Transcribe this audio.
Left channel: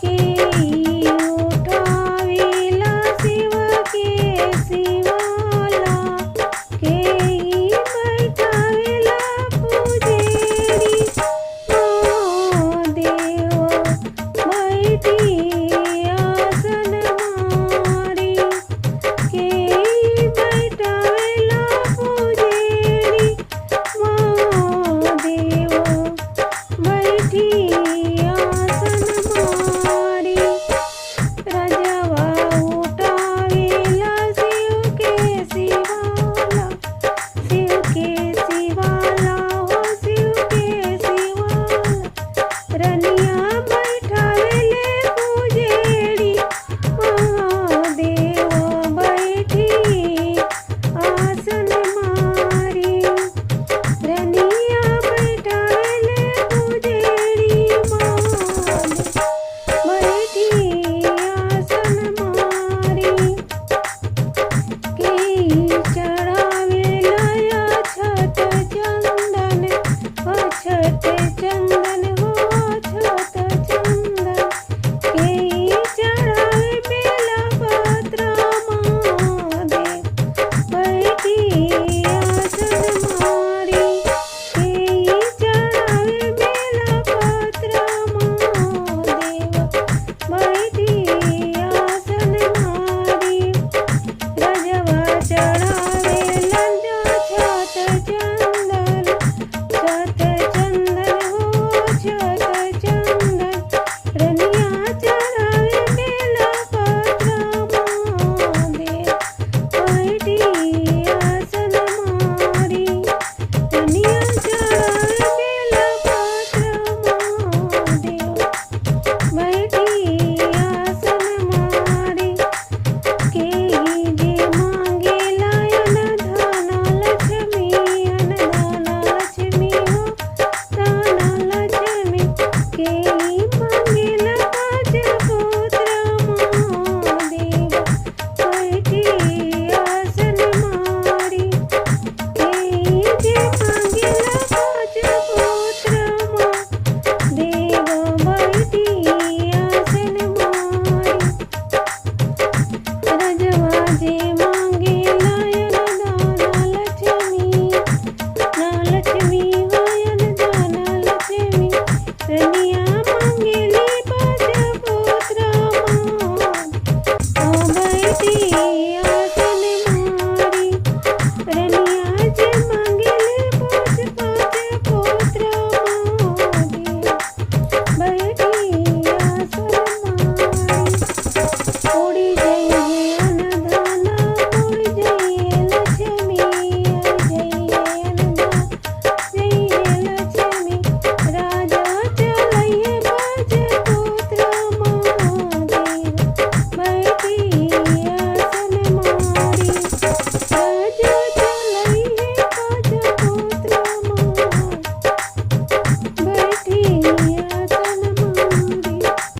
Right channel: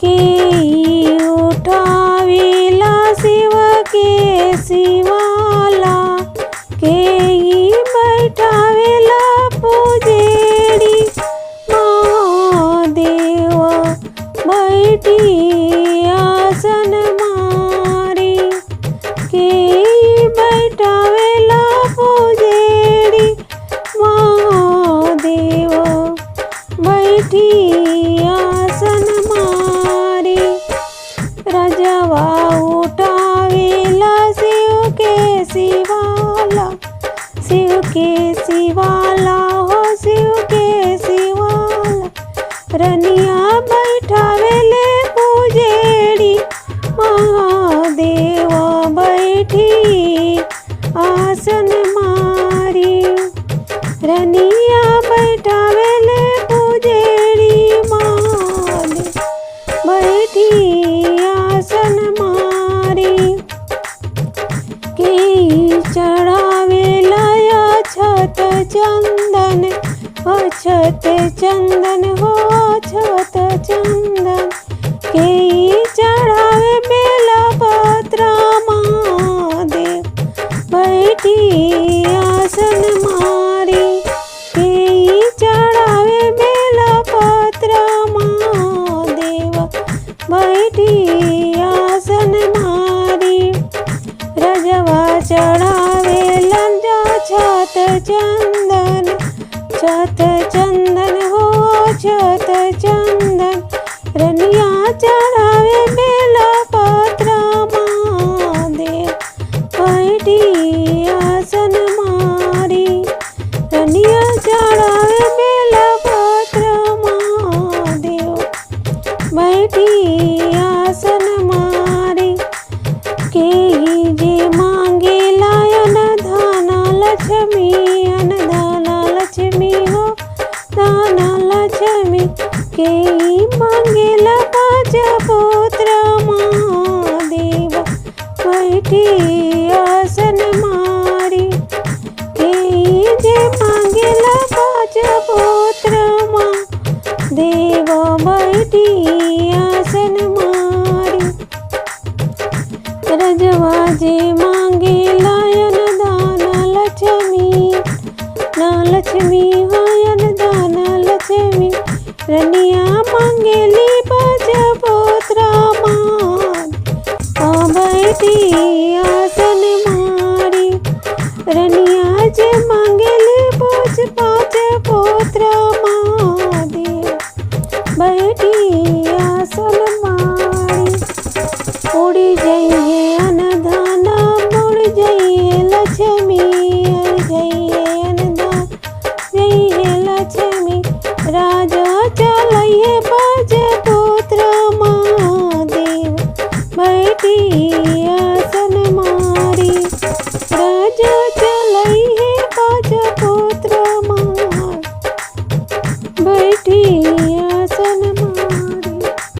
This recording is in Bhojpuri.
के उठावेला शिव के शिवाला के बैठावेला पुजेरी महादेव बैठी आसन मारी के बैठावेला पुजेरी महादेव बैठी आसन मारी रजवा उठावेला शिव के शिवाला हो शिव के शिवाला रनिया बैठावेले पुजेरी महादेव बैठी आसन मारी रनिया बैठावेले पुजेरी महादेव बैठी आसन मारी के चढ़ावेला अक्षत चंदन हो अक्षत चंदन के चढ़ावे बेलपत्र महादेव बैठी आसन मारी के चढ़ावे बेलपत्र महादेव बैठी आसन मारी रजवा चढ़ावेला छत चंदन हो छत चंदन रनिया चढ़ावे बेलपत्र महादेव बैठी आसन मारी रनिया चढ़ावे बेलपत्र महादेव बैठी आसन मारी के जे मांगे लायन धन लक्ष्मी हो धन लक्ष्मी के मांगेला पाँच पुत्र महादेव बैठी आसन मारी के जे मांगेला पाँच पुत्र महादेव बैठी आसन मारी रजवा जे